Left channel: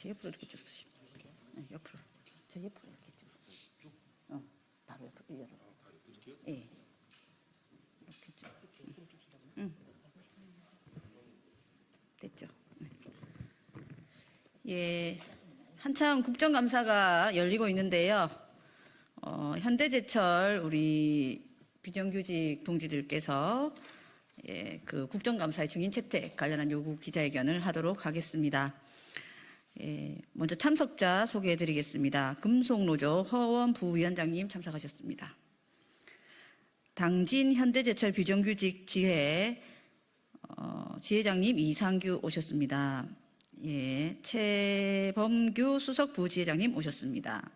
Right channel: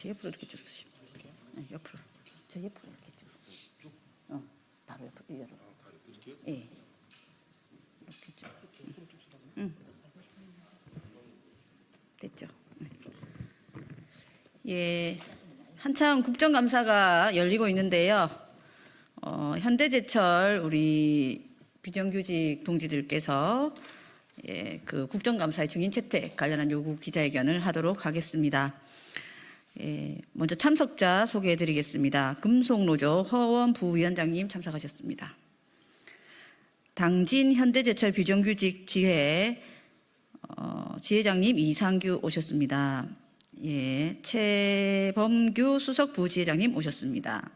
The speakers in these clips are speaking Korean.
저 옆으로 이렇게 쭉 쓰시면 네, 옆으로. 저 옆으로 이렇게 쭉. 바로 옆으로 이어서. 예. 이렇게 쭉. 됐죠. 예. 한창 국정감사가 열리고 있는데요. 현대제철 우리 비정규직 동지들께서 그 국정감사의 증인 채택 관련한 요구 기자회견을 하도록 하겠습니다. 먼저 참석자 소개해드리겠습니다. 금속노조 허원 부위원장님 참석하셨습니다. 당진 현대제철 비정규직 지회 지회장님 이상규 오셨습니다. 최범규 수석 부지회장님 오셨습니다.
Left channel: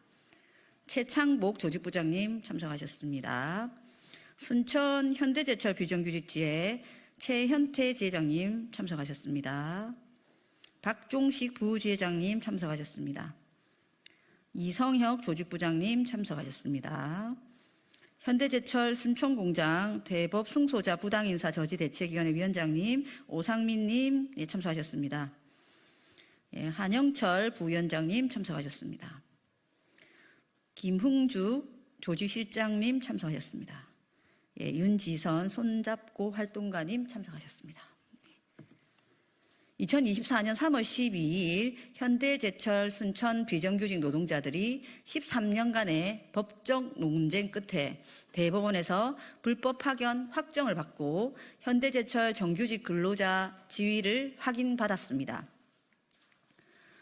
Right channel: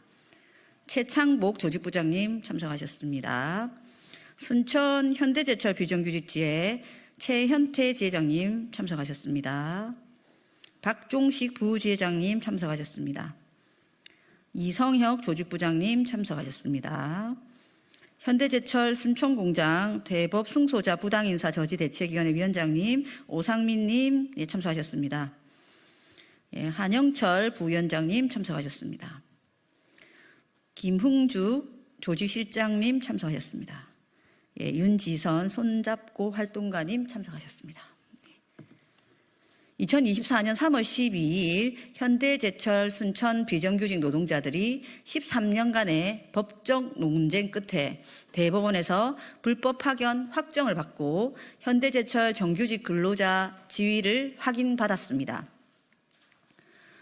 최창복 조직부장님 참석하셨습니다. 순천 현대제철 비정규직 지회 최현태 지회장님 참석하셨습니다. 박종식 부지회장님 참석하셨습니다. 이성혁 조직부장님 참석하셨습니다. 현대제철 순천공장 대법 승소자 부당인사 저지대책위원회 위원장님 오상민님 참석하셨습니다. 한영철 부위원장님 참석하셨습니다. 김흥주 조직실장님 참석하셨습니다. 윤지선 손잡고 활동가님 참석하셨습니다. 2024년 3월 12일 현대제철 순천 비정규직 노동자들이 13년간의 법적 논쟁 끝에 대법원에서 불법 파견 확정을 받고 현대제철 정규직 근로자 지위를 확인받았습니다.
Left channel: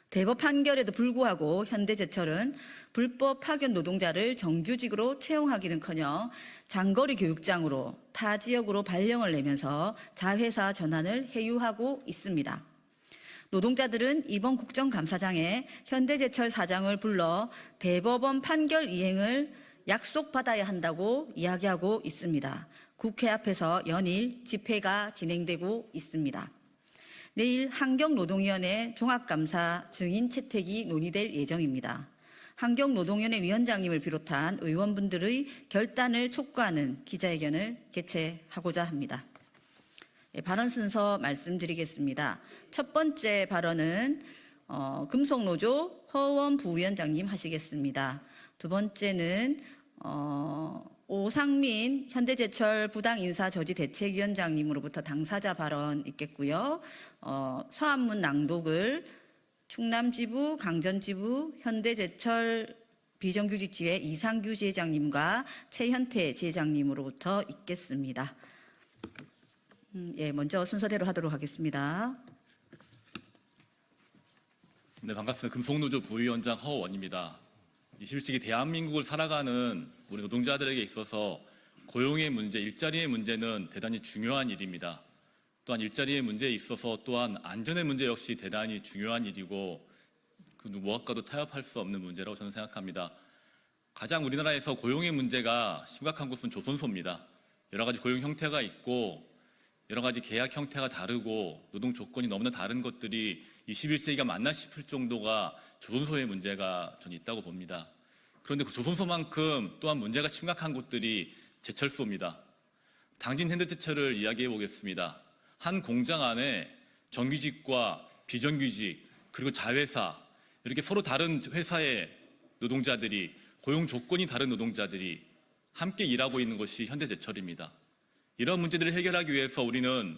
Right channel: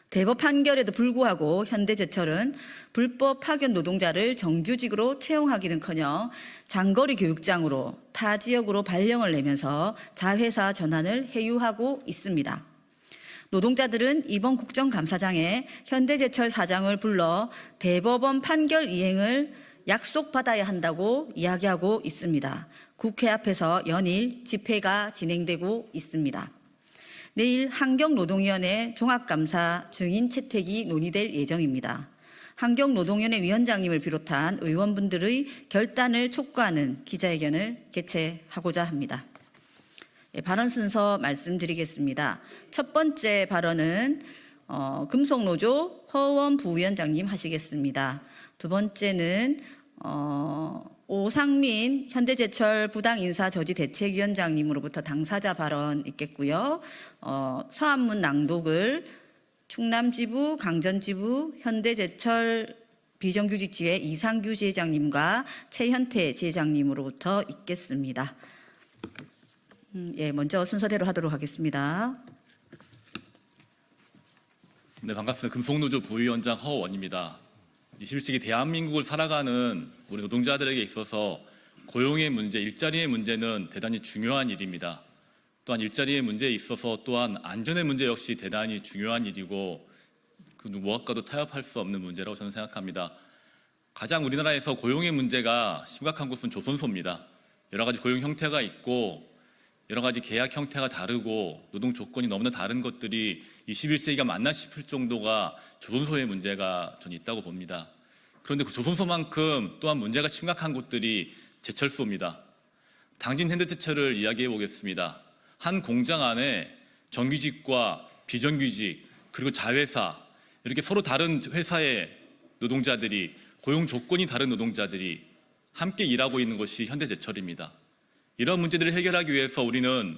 대법 판결에도 불구하고 현대제철은 불법 파견 노동자를 정규직으로 채용하기는커녕 장거리 교육장으로 타 지역으로 발령을 내면서 자회사 전환을 해유하고 있습니다. 노동자들은 이번 국정감사장에 현대제철 사장을 불러 대법원 판결 이행을 약속받아야 한다고 이야기하고 있습니다. 국회 앞에서 연일 집회가 진행되고 있습니다. 내일 환경노동위원회 종합감사 증인 채택이 논의될 예정입니다. 환경노동위원회 위원장님을 비롯한 의원분들의 결단을 촉구하는 기자회견을 개최하고자 합니다. 발언 순서 말씀드리겠습니다. 첫 번째 발언은 금속노조 허원 부위원장님 하시겠습니다. 두 번째는 오상민 현대제철 부당인사저지대책위원장님으로부터 당사자 발언 있겠고요. 서한문 낭독을 충남지부, 강전지부, 현대제철 비정규직 지회 이상규 지회장님과 최현태 지회장님으로부터 있겠습니다. 먼저 순서대로 하도록 하겠습니다. 네, 반갑습니다. 금속노조 부위원장 허원입니다. 21세기 대한민국을 살아가는 우리 노동자들에게 있어서 고용의 문제, 일자리의 문제는 대단히 중요한 일입니다. 또한 일자리의 문제에 있어서 또한 안전의 문제 역시 대단히 중요한 일이고 그 무엇과도 타협할 수 없는 문제라고 저는 생각합니다. 가장 우리나라에서 고용의 문제가 심각한 곳은 조선소입니다. 여러 가지 고용 형태가 있고 여러 가지 계약 형태가 다르고 노동 조건이 너무나 다른 것들이 21세기가 맞나 싶을 정도가 조선소의 문제가 저는 있다고 봅니다. 그런데 그 조선소만큼 또한 문제가 심각한 곳들이 제철소입니다. 당진 현대제철을 이야기해 보겠습니다. 한 공장 안에 정규직과 비정규직 그리고 자회사 이렇게 서로 다른 회사의 노동자들이 고용 조건이 다른 노동자들이 함께 일하고 있는 것이 현대제철입니다. 이런 문제들을 해결하기 위해서 우리는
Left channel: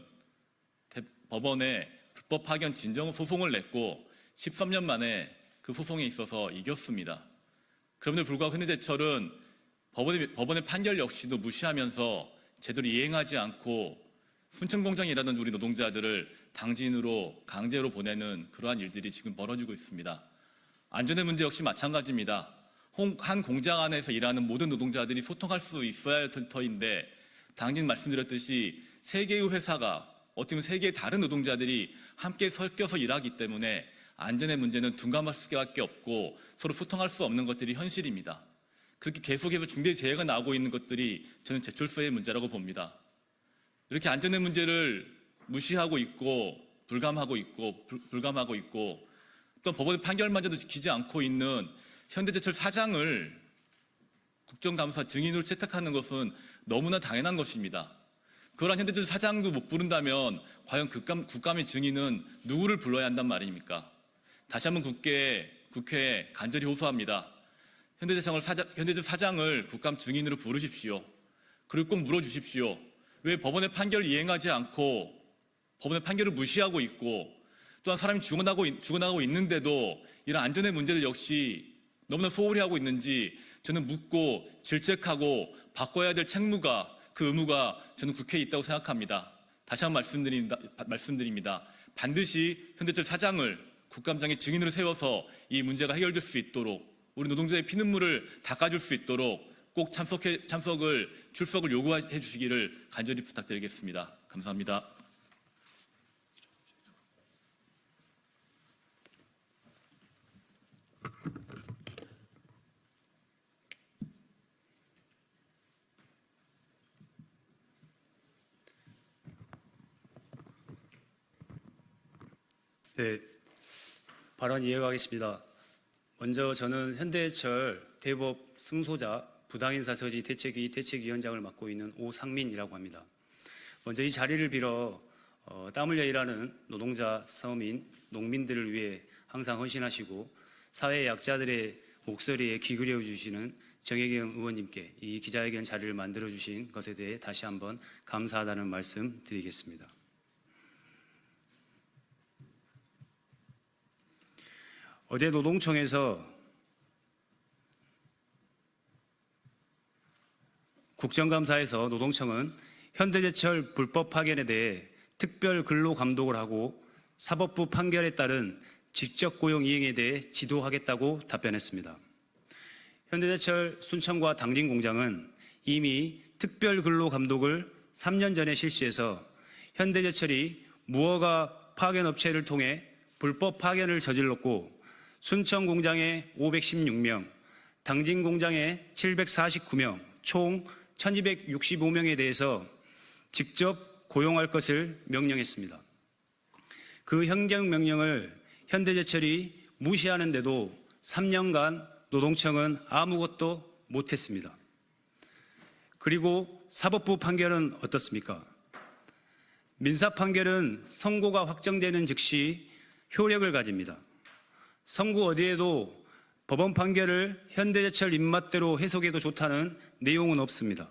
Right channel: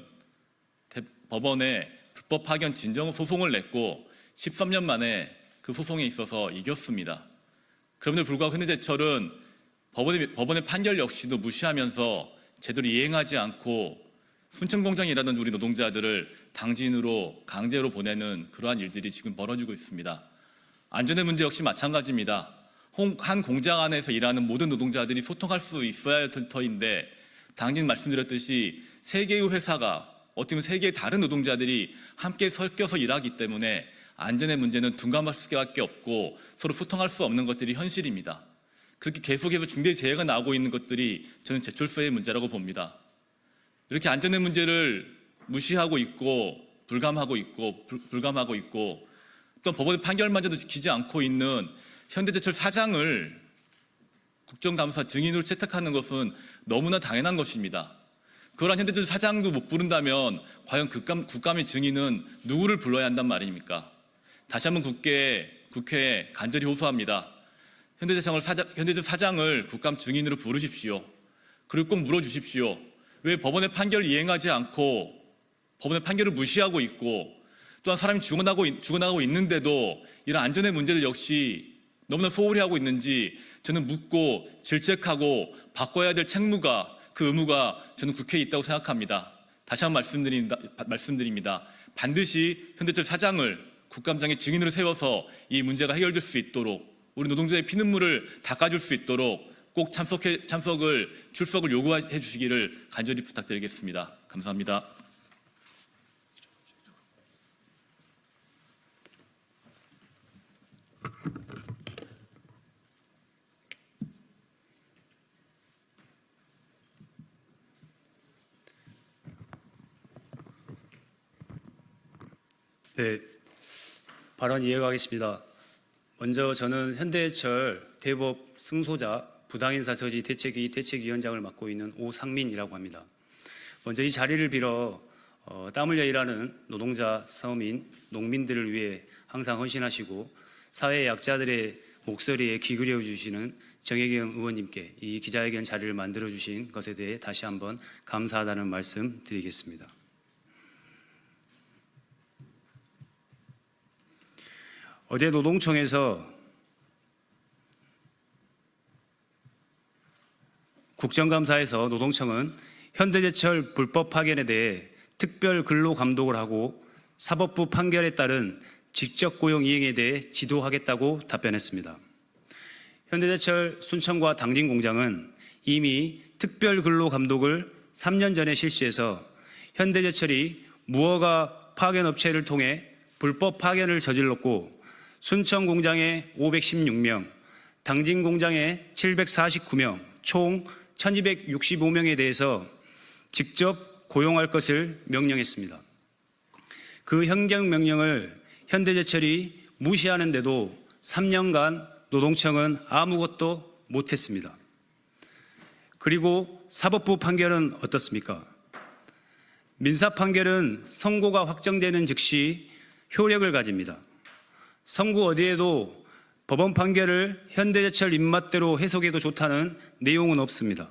법원에 불법 파견 진정 소송을 냈고 13년 만에 그 소송에 있어서 이겼습니다. 그럼에도 불구하고 현대제철은 법원의 판결 역시도 무시하면서 제대로 이행하지 않고 순천공장에 일하던 우리 노동자들을 당진으로 강제로 보내는 그러한 일들이 지금 벌어지고 있습니다. 안전의 문제 역시 마찬가지입니다. 한 공장 안에서 일하는 모든 노동자들이 소통할 수 있어야 할 터인데 당진 말씀드렸듯이 세 개의 회사가 어떻게 보면 세 개의 다른 노동자들이 함께 섞여서 일하기 때문에 안전의 문제는 둔감할 수밖에 없고 서로 소통할 수 없는 것들이 현실입니다. 그렇게 계속해서 중대재해가 나오고 있는 것들이 저는 제철소의 문제라고 봅니다. 이렇게 안전의 문제를 무시하고 있고 불감하고 있고 또 법원의 판결마저도 지키지 않고 있는 현대제철 사장을 국정감사 증인으로 채택하는 것은 너무나 당연한 것입니다. 그러한 현대제철 사장도 못 부른다면 과연 국감의 증인은 누구를 불러야 한단 말입니까? 다시 한번 국회에 간절히 호소합니다. 현대제철 사장을 국감 증인으로 부르십시오. 그리고 꼭 물어주십시오. 왜 법원의 판결을 이행하지 않고 법원의 판결을 무시하고 있고 또한 사람이 죽어나가고 있는데도 이런 안전의 문제를 역시 너무나 소홀히 하고 있는지 저는 묻고 질책하고 바꿔야 될 책무가 그 의무가 저는 국회에 있다고 생각합니다. 다시 한번 말씀드립니다. 반드시 현대제철 사장을 국감장의 증인으로 세워서 이 문제가 해결될 수 있도록 우리 노동자의 피눈물을 닦아줄 수 있도록 꼭 출석을 요구해 주시기를 간절히 부탁드리겠습니다. 감사합니다. 네, 발언 이어가겠습니다. 먼저 저는 현대제철 대법 승소자 부당인사 저지 대책위원장을 맡고 있는 오상민이라고 합니다. 먼저 이 자리를 빌어 땀 흘려 일하는 노동자, 서민, 농민들을 위해 항상 헌신하시고 사회 약자들의 목소리에 귀 기울여 주시는 정혜경 의원님께 이 기자회견 자리를 만들어 주신 것에 대해 다시 한번 감사하다는 말씀 드리겠습니다. 어제 노동청에서 국정감사에서 노동청은 현대제철 불법 파견에 대해 특별 근로 감독을 하고 사법부 판결에 따른 직접 고용 이행에 대해 지도하겠다고 답변했습니다. 현대제철 순천과 당진 공장은 이미 특별 근로 감독을 3년 전에 실시해서 현대제철이 무허가 파견 업체를 통해 불법 파견을 저질렀고 순천 공장에 516명, 당진 공장에 749명, 총 1265명에 대해서 직접 고용할 것을 명령했습니다. 그 행정명령을 현대제철이 무시하는데도 3년간 노동청은 아무것도 못했습니다. 그리고 사법부 판결은 어떻습니까? 민사 판결은 선고가 확정되는 즉시 효력을 가집니다. 선고 어디에도 법원 판결을 현대제철 입맛대로 해석해도 좋다는 내용은 없습니다.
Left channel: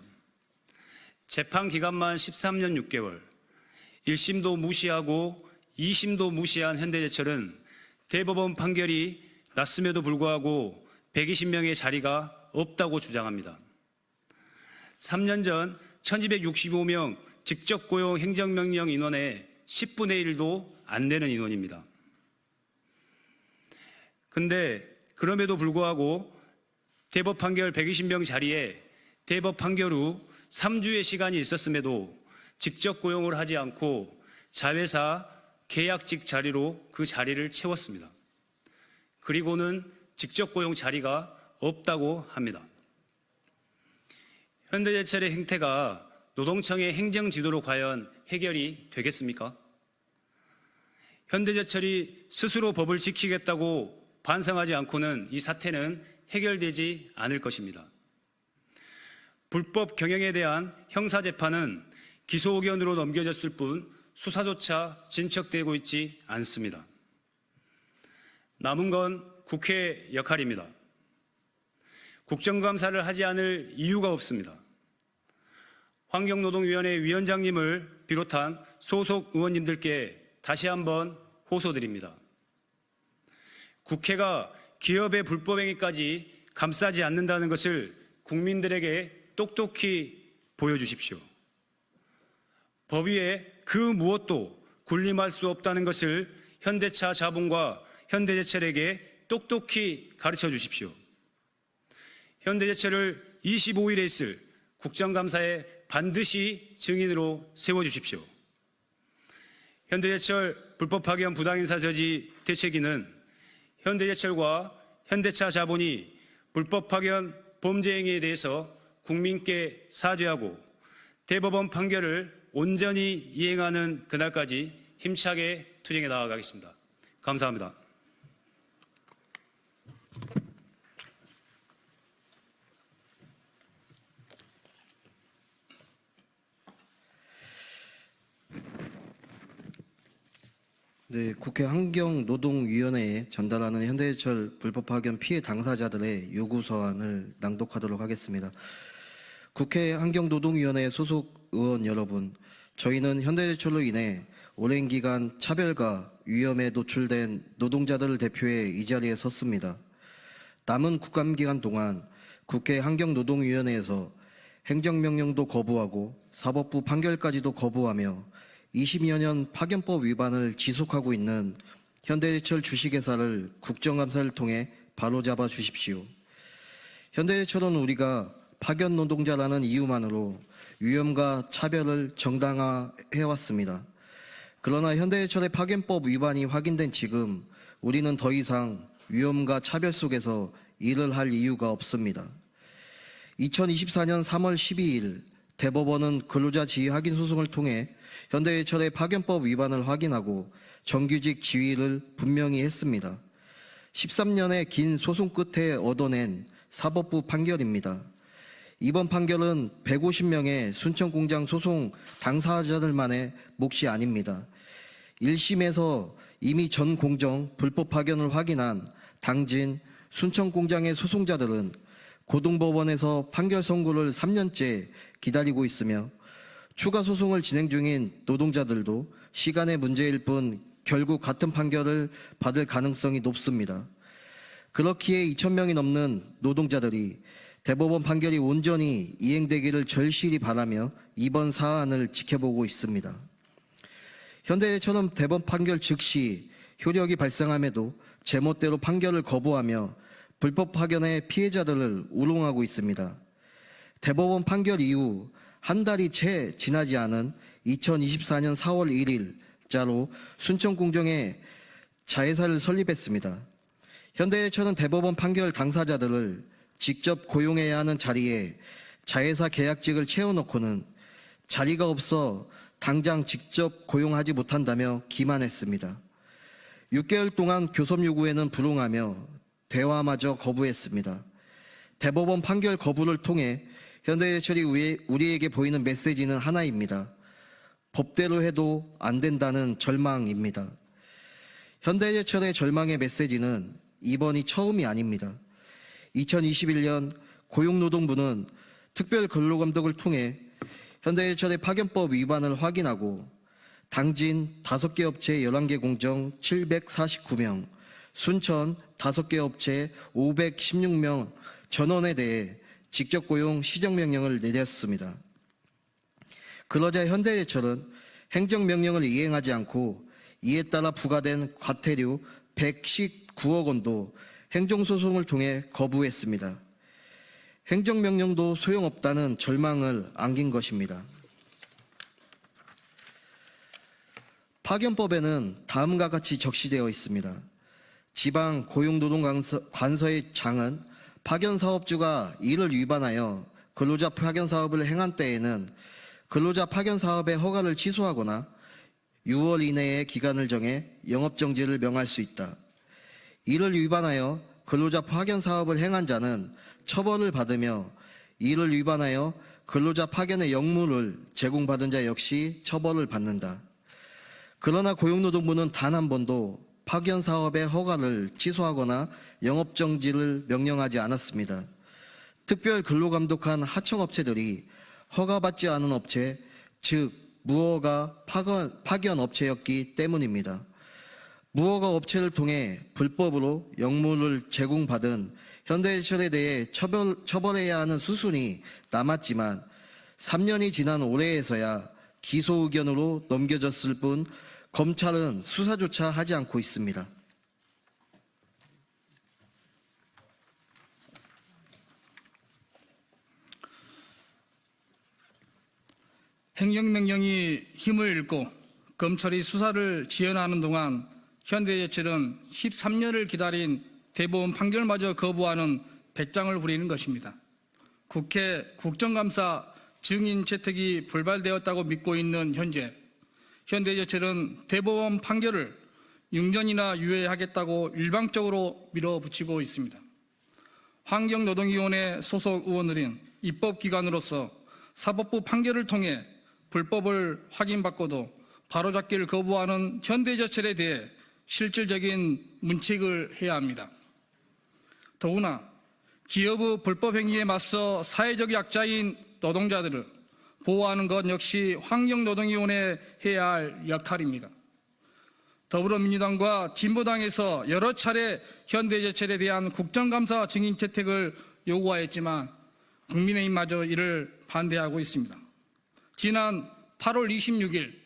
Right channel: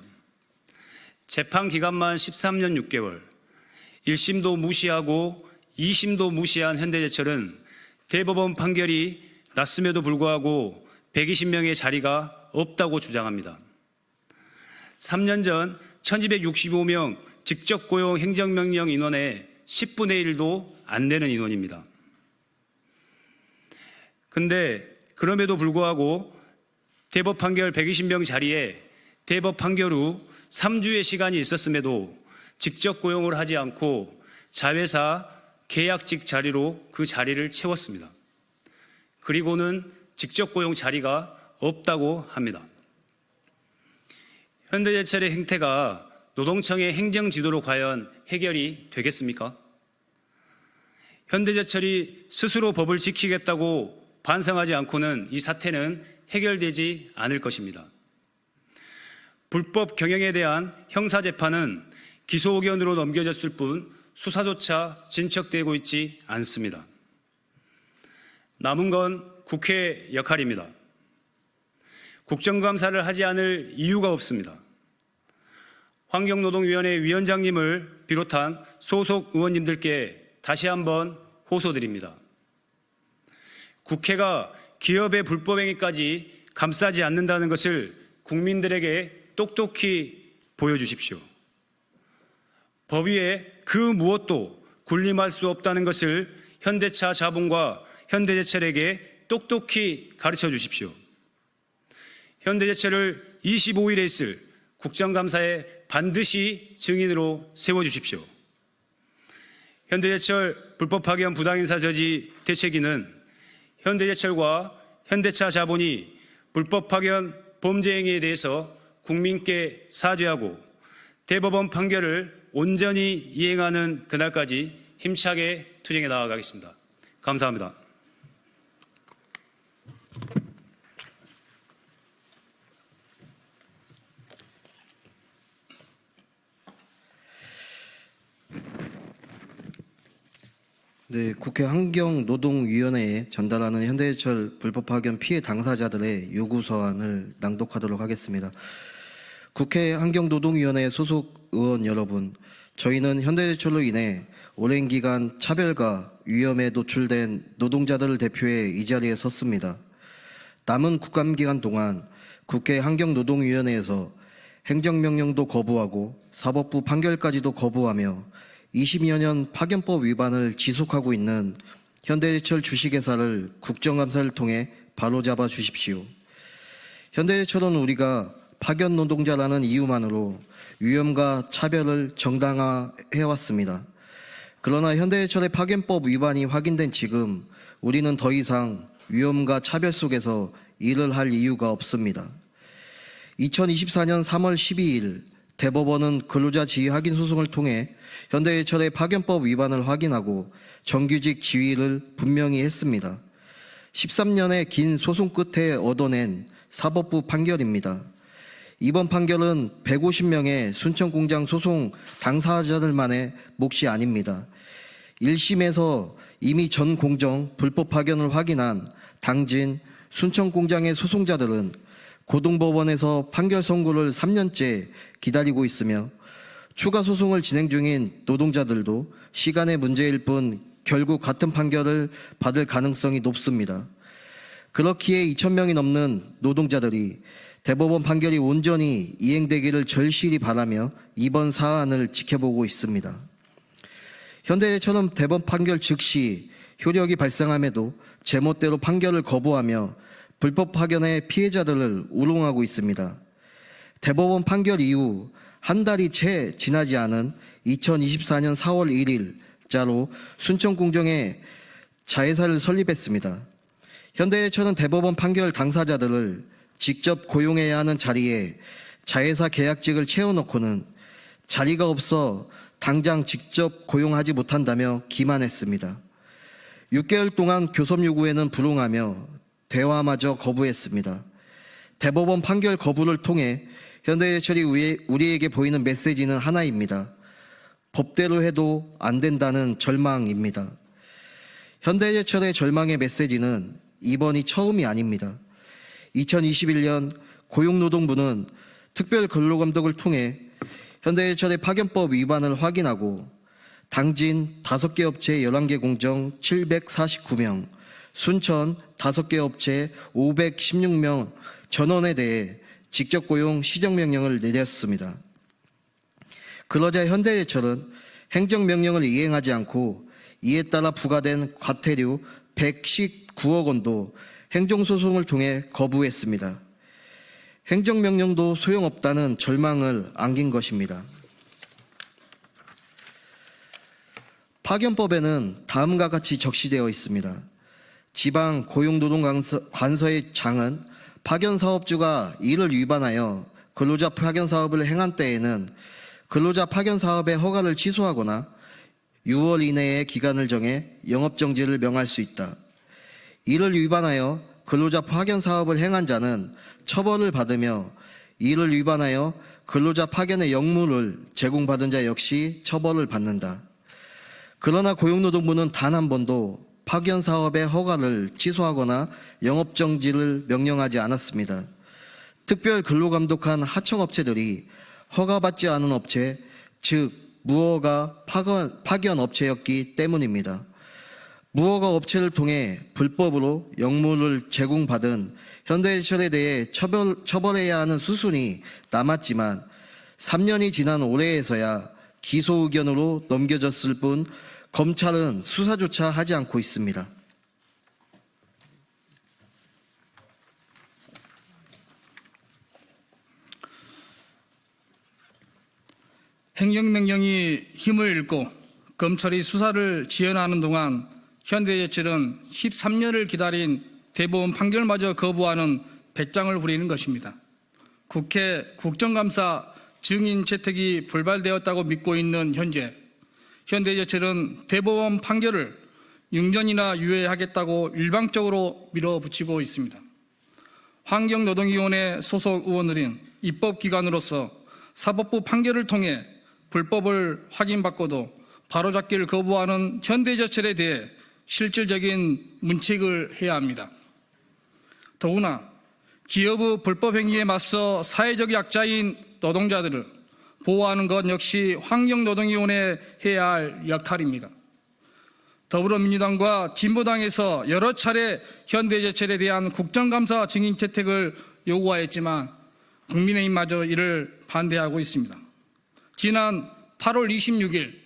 재판 기간만 13년 6개월, 1심도 무시하고 2심도 무시한 현대제철은 대법원 판결이 났음에도 불구하고 120명의 자리가 없다고 주장합니다. 3년 전 1265명 직접 고용 행정명령 인원의 10분의 1도 안 되는 인원입니다. 근데 그럼에도 불구하고 대법 판결 120명 자리에 대법 판결 후 3주의 시간이 있었음에도 직접 고용을 하지 않고 자회사 계약직 자리로 그 자리를 채웠습니다. 그리고는 직접 고용 자리가 없다고 합니다. 현대제철의 행태가 노동청의 행정 지도로 과연 해결이 되겠습니까? 현대제철이 스스로 법을 지키겠다고 반성하지 않고는 이 사태는 해결되지 않을 것입니다. 불법 경영에 대한 형사재판은 기소 의견으로 넘겨졌을 뿐 수사조차 진척되고 있지 않습니다. 남은 건 국회 역할입니다. 국정감사를 하지 않을 이유가 없습니다. 환경노동위원회 위원장님을 비롯한 소속 의원님들께 다시 한번 호소드립니다. 국회가 기업의 불법행위까지 감싸지 않는다는 것을 국민들에게 똑똑히 보여주십시오. 법 위에 그 무엇도 군림할 수 없다는 것을 현대차 자본과 현대제철에게 똑똑히 가르쳐 주십시오. 현대제철을 25일에 있을 국정감사에 반드시 증인으로 세워주십시오. 현대제철 불법 파견 부당인사 저지 대책위는 현대제철과 현대차 자본이 불법 파견 범죄 행위에 대해서 국민께 사죄하고 대법원 판결을 온전히 이행하는 그날까지 힘차게 투쟁해 나아가겠습니다. 감사합니다. 네, 국회 환경노동위원회에 전달하는 현대해철 불법 파견 피해 당사자들의 요구 서한을 낭독하도록 하겠습니다. 국회 환경노동위원회 소속 의원 여러분, 저희는 현대해철로 인해 오랜 기간 차별과 위험에 노출된 노동자들을 대표해 이 자리에 섰습니다. 남은 국감기간 동안 국회 환경노동위원회에서 행정명령도 거부하고 사법부 판결까지도 거부하며 20여 년 파견법 위반을 지속하고 있는 현대해철 주식회사를 국정감사를 통해 바로잡아 주십시오. 현대해철은 우리가 파견 노동자라는 이유만으로 위험과 차별을 정당화해왔습니다. 그러나 현대해철의 파견법 위반이 확인된 지금 우리는 더 이상 위험과 차별 속에서 일을 할 이유가 없습니다. 2024년 3월 12일 대법원은 근로자 지위 확인 소송을 통해 현대해철의 파견법 위반을 확인하고 정규직 지위를 분명히 했습니다. 13년의 긴 소송 끝에 얻어낸 사법부 판결입니다. 이번 판결은 150명의 순천공장 소송 당사자들만의 몫이 아닙니다. 1심에서 이미 전 공정 불법 파견을 확인한 당진 순천공장의 소송자들은 고등법원에서 판결 선고를 3년째 기다리고 있으며 추가 소송을 진행 중인 노동자들도 시간의 문제일 뿐 결국 같은 판결을 받을 가능성이 높습니다. 그렇기에 2,000명이 넘는 노동자들이 대법원 판결이 온전히 이행되기를 절실히 바라며 이번 사안을 지켜보고 있습니다. 현대해철은 대법원 판결 즉시 효력이 발생함에도 제멋대로 판결을 거부하며 불법 파견의 피해자들을 우롱하고 있습니다. 대법원 판결 이후 한 달이 채 지나지 않은 2024년 4월 1일자로 순천공정에 자회사를 설립했습니다. 현대해철은 대법원 판결 당사자들을 직접 고용해야 하는 자리에 자회사 계약직을 채워놓고는 자리가 없어 당장 직접 고용하지 못한다며 기만했습니다. 6개월 동안 교섭 요구에는 불응하며 대화마저 거부했습니다. 대법원 판결 거부를 통해 현대해철이 우리에게 보이는 메시지는 하나입니다. 법대로 해도 안 된다는 절망입니다. 현대해철의 절망의 메시지는 이번이 처음이 아닙니다. 2021년 고용노동부는 특별근로감독을 통해 현대해철의 파견법 위반을 확인하고 당진 5개 업체 11개 공정 749명, 순천 5개 업체 516명 전원에 대해 직접 고용 시정명령을 내렸습니다. 그러자 현대해철은 행정명령을 이행하지 않고 이에 따라 부과된 과태료 119억 원도 행정소송을 통해 거부했습니다. 행정명령도 소용없다는 절망을 안긴 것입니다. 파견법에는 다음과 같이 적시되어 있습니다. 지방 고용노동관서의 장은 파견사업주가 이를 위반하여 근로자 파견사업을 행한 때에는 근로자 파견사업의 허가를 취소하거나 6월 이내의 기간을 정해 영업정지를 명할 수 있다. 이를 위반하여 근로자 파견사업을 행한 자는 처벌을 받으며 이를 위반하여 근로자 파견의 역무를 제공받은 자 역시 처벌을 받는다. 그러나 고용노동부는 단 한 번도 파견사업의 허가를 취소하거나 영업정지를 명령하지 않았습니다. 특별 근로감독한 하청업체들이 허가받지 않은 업체, 즉 무허가 파견 업체였기 때문입니다. 무허가 업체를 통해 불법으로 역무를 제공받은 현대해철에 대해 처벌해야 하는 수순이 남았지만 3년이 지난 올해에서야 기소 의견으로 넘겨졌을 뿐 검찰은 수사조차 하지 않고 있습니다. 행정명령이 힘을 잃고 검찰이 수사를 지연하는 동안 현대해철은 13년을 기다린 대법원 판결마저 거부하는 배짱을 부리는 것입니다. 국회 국정감사 증인 채택이 불발되었다고 믿고 있는 현재 현대해철은 대법원 판결을 6년이나 유예하겠다고 일방적으로 밀어붙이고 있습니다. 환경노동위원회 소속 의원들은 입법기관으로서 사법부 판결을 통해 불법을 확인받고도 바로잡기를 거부하는 현대제철에 대해 실질적인 문책을 해야 합니다. 더구나 기업의 불법 행위에 맞서 사회적 약자인 노동자들을 보호하는 것 역시 환경노동위원회에 해야 할 역할입니다. 더불어민주당과 진보당에서 여러 차례 현대제철에 대한 국정감사 증인 채택을 요구하였지만 국민의힘마저 이를 반대하고 있습니다. 지난 8월 26일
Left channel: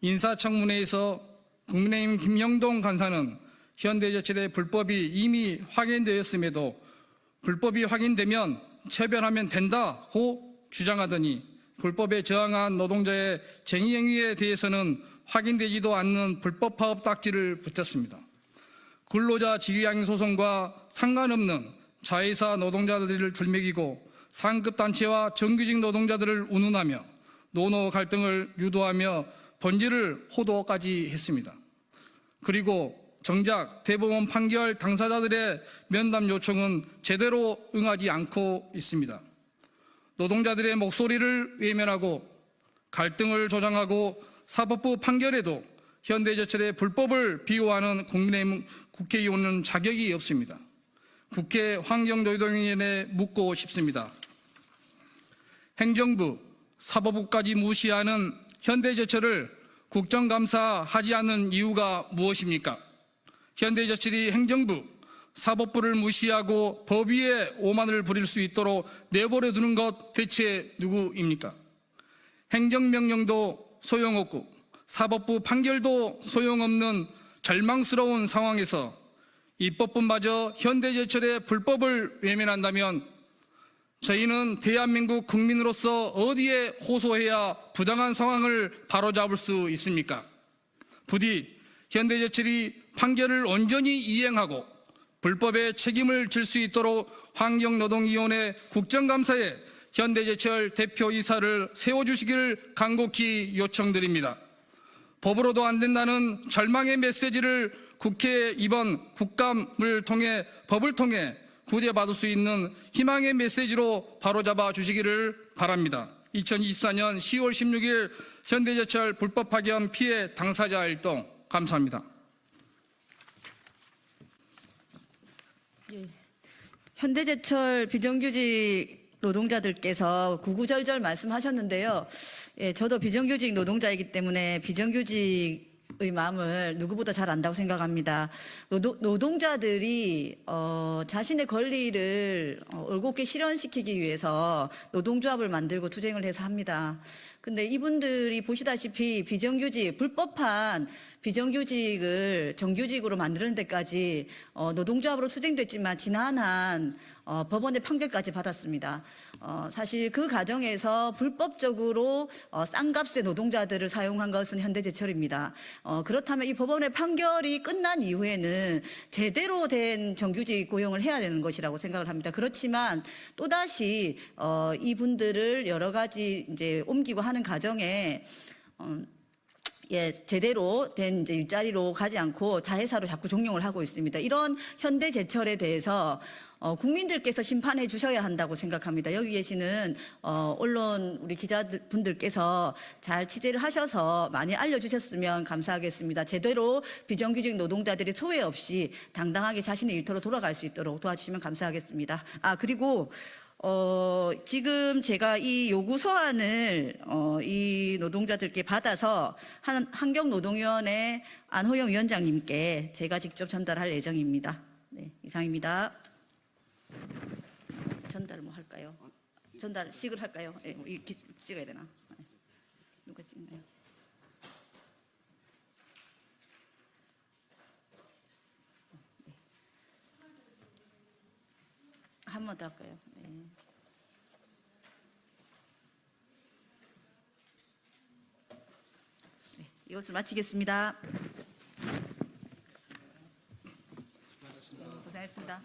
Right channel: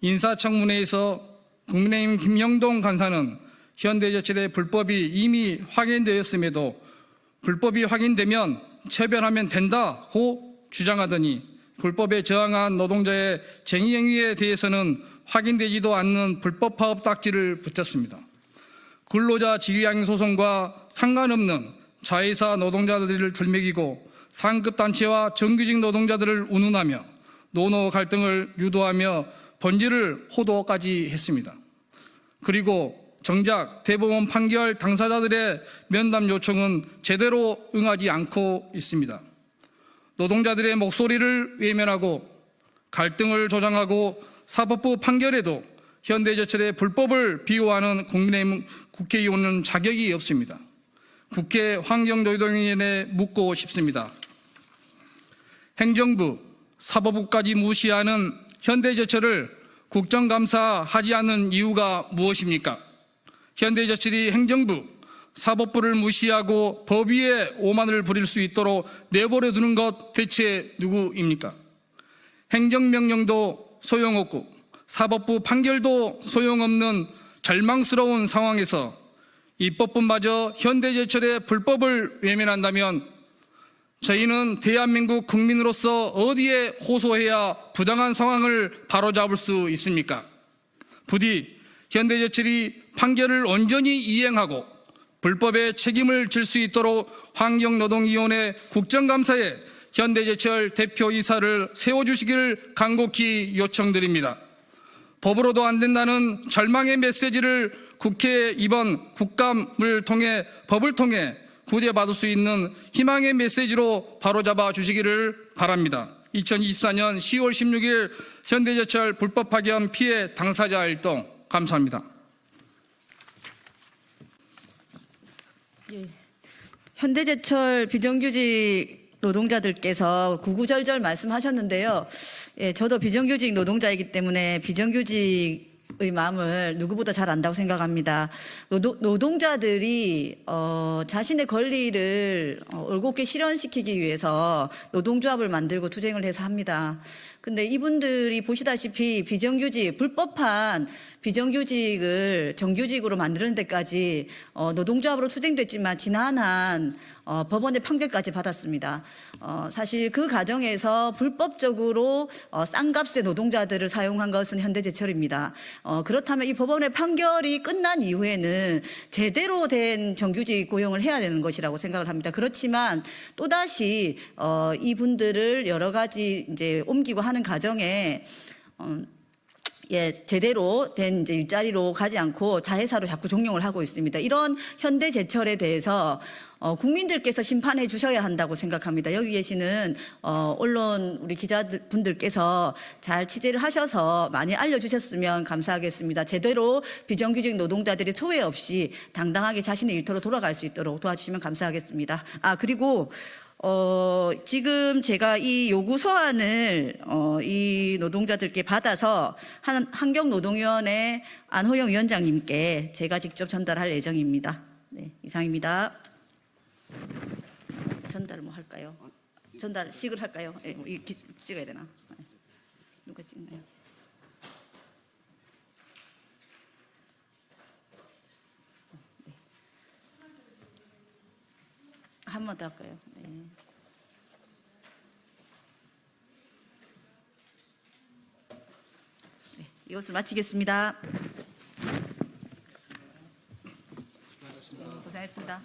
인사청문회에서 국민의힘 김영동 간사는 현대제철의 불법이 이미 확인되었음에도 불법이 확인되면 처벌하면 된다고 주장하더니 불법에 저항한 노동자의 쟁의 행위에 대해서는 확인되지도 않는 불법 파업 딱지를 붙였습니다. 근로자 지휘양형 소송과 상관없는 자회사 노동자들을 들먹이고 상급단체와 정규직 노동자들을 운운하며 노노 갈등을 유도하며 번지를 호도까지 했습니다. 그리고 정작 대법원 판결 당사자들의 면담 요청은 제대로 응하지 않고 있습니다. 노동자들의 목소리를 외면하고 갈등을 조장하고 사법부 판결에도 현대제철의 불법을 비호하는 국민의힘 국회의원은 자격이 없습니다. 국회 환경노동위원회에 묻고 싶습니다. 행정부, 사법부까지 무시하는 현대제철을 국정감사하지 않는 이유가 무엇입니까? 현대제철이 행정부, 사법부를 무시하고 법 위에 오만을 부릴 수 있도록 내버려 두는 것 대체 누구입니까? 행정명령도 소용없고 사법부 판결도 소용없는 절망스러운 상황에서 입법부마저 현대제철의 불법을 외면한다면 저희는 대한민국 국민으로서 어디에 호소해야 부당한 상황을 바로잡을 수 있습니까? 부디 현대제철이 판결을 온전히 이행하고 불법의 책임을 질 수 있도록 환경노동위원회 국정감사에 현대제철 대표이사를 세워주시기를 간곡히 요청드립니다. 법으로도 안 된다는 절망의 메시지를 국회 이번 국감을 통해 법을 통해 구제받을 수 있는 희망의 메시지로 바로잡아 주시기를 바랍니다. 2024년 10월 16일 현대제철 불법 파견 피해 당사자 활동 감사합니다. 예. 현대제철 비정규직 노동자들께서 구구절절 말씀하셨는데요. 예, 저도 비정규직 노동자이기 때문에 비정규직의 마음을 누구보다 잘 안다고 생각합니다. 노동자들이 자신의 권리를 올곧게 실현시키기 위해서 노동조합을 만들고 투쟁을 해서 합니다. 근데 이분들이 보시다시피 비정규직, 불법한 비정규직을 정규직으로 만드는 데까지 노동조합으로 투쟁됐지만 지난한 법원의 판결까지 받았습니다. 사실 그 과정에서 불법적으로 싼 값의 노동자들을 사용한 것은 현대제철입니다. 그렇다면 이 법원의 판결이 끝난 이후에는 제대로 된 정규직 고용을 해야 되는 것이라고 생각을 합니다. 그렇지만 또다시 이분들을 여러 가지 이제 옮기고 하는 과정에 제대로 된 이제 일자리로 가지 않고 자회사로 자꾸 종용을 하고 있습니다. 이런 현대제철에 대해서 국민들께서 심판해 주셔야 한다고 생각합니다. 여기 계시는 언론 우리 기자분들께서 잘 취재를 하셔서 많이 알려주셨으면 감사하겠습니다. 제대로 비정규직 노동자들이 소외 없이 당당하게 자신의 일터로 돌아갈 수 있도록 도와주시면 감사하겠습니다. 그리고 지금 제가 이 요구 서한을 이 노동자들께 받아서 환경노동위원회 안호영 위원장님께 제가 직접 전달할 예정입니다. 네, 이상입니다. 전달 뭐 할까요? 전달식을 할까요? 찍어야 되나? 누가 찍나요? 네. 한 번 더 할까요? 네. 네, 이것을 마치겠습니다. 고생하셨습니다.